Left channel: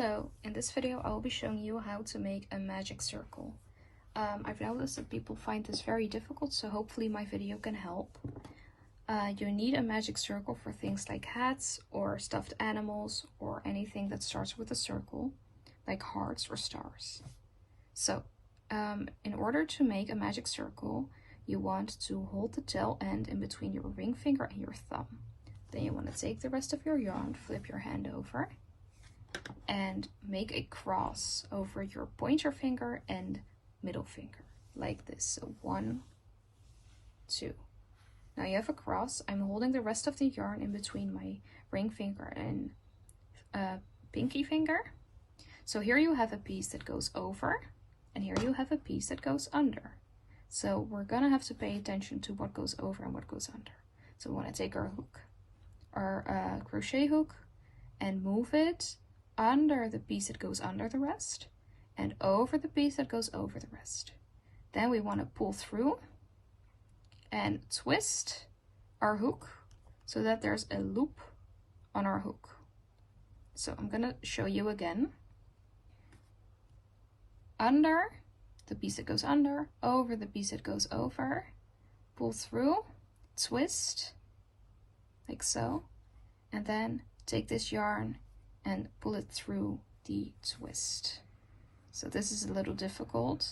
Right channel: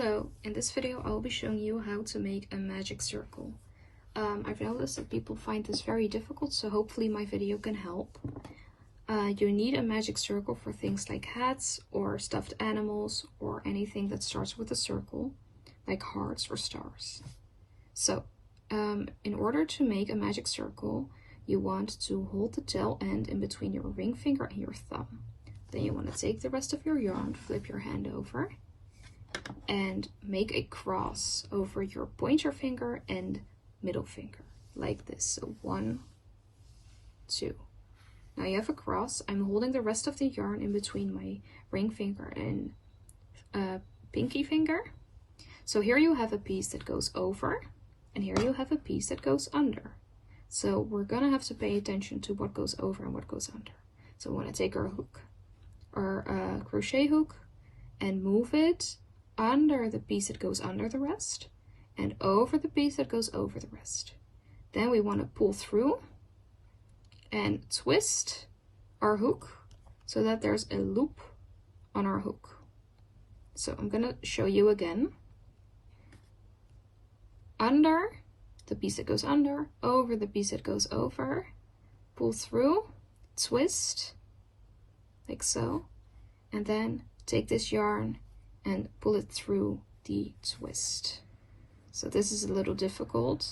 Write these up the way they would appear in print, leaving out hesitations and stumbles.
Hello, in this video I will be showing you how to make a magic circle. I've noticed that people find this very difficult, so hopefully my video can help. You need a magic circle for things like hats or stuffed animals or anything that starts with a circle, like hearts or stars. So, in order to make a magic circle, you want to hold the tail end in between your ring finger and your thumb. Then you want to take the rest of your yarn, flip your hand over, and make a cross over your pointer finger and middle finger, like this. So 1, 2. Now you have a cross. I'm holding the rest of the yarn in between my ring finger and pinky finger. So here you have a piece that goes over, and here you have a piece that goes under. So we're gonna have to pay attention to what goes over and what goes under. So we want to take our hook, our crochet hook, and move it under the piece that goes under the rest and over the piece that goes over the rest. Then we want to pull through and twist our hook so that there's a loop on our hook. So I'm gonna show you again. Under the piece that goes under, over the piece that goes over, pull through, twist, like so, and then take this yarn and pull it through the twist. So this is a little difficult.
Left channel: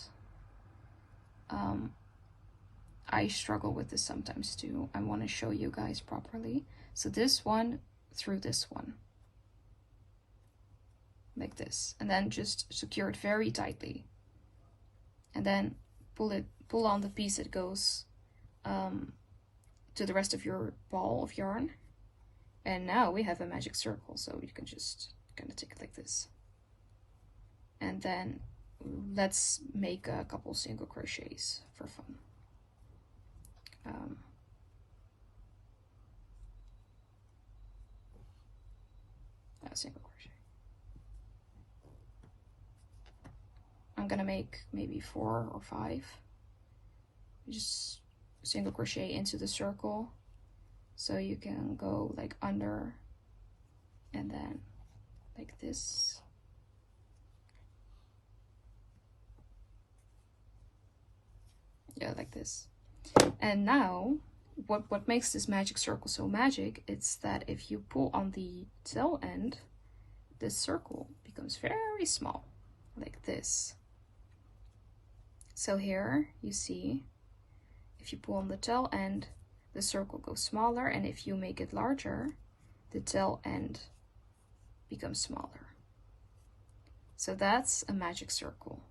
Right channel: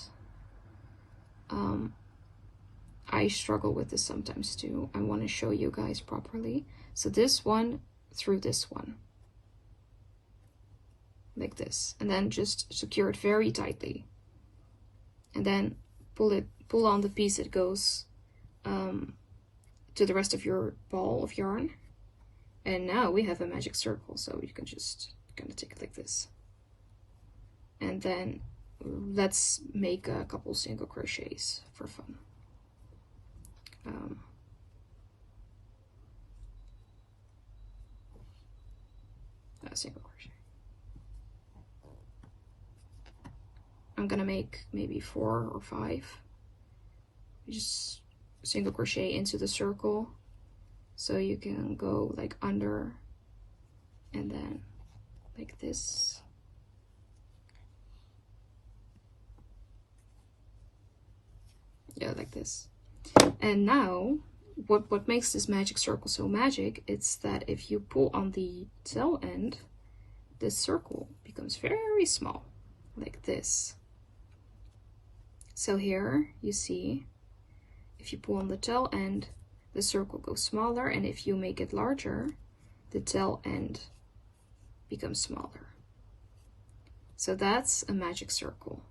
I struggle with this sometimes too. I want to show you guys properly. So this one through this one, like this, and then just secure it very tightly, and then pull on the piece that goes to the rest of your ball of yarn. And now we have a magic circle, so you can just kind of take it like this. And then let's make a couple single crochets for fun. A single crochet. I'm gonna make maybe 4 or 5. You just single crochet into the circle. So you can go like under and then like this. Yeah, like this. And now what makes this magic circle so magic, it's that if you pull on the tail end, this circle becomes very small, like this. So here you see, if you pull on the tail end, the circle goes smaller, and if you make it larger, the tail end becomes smaller. So that's a magic circle.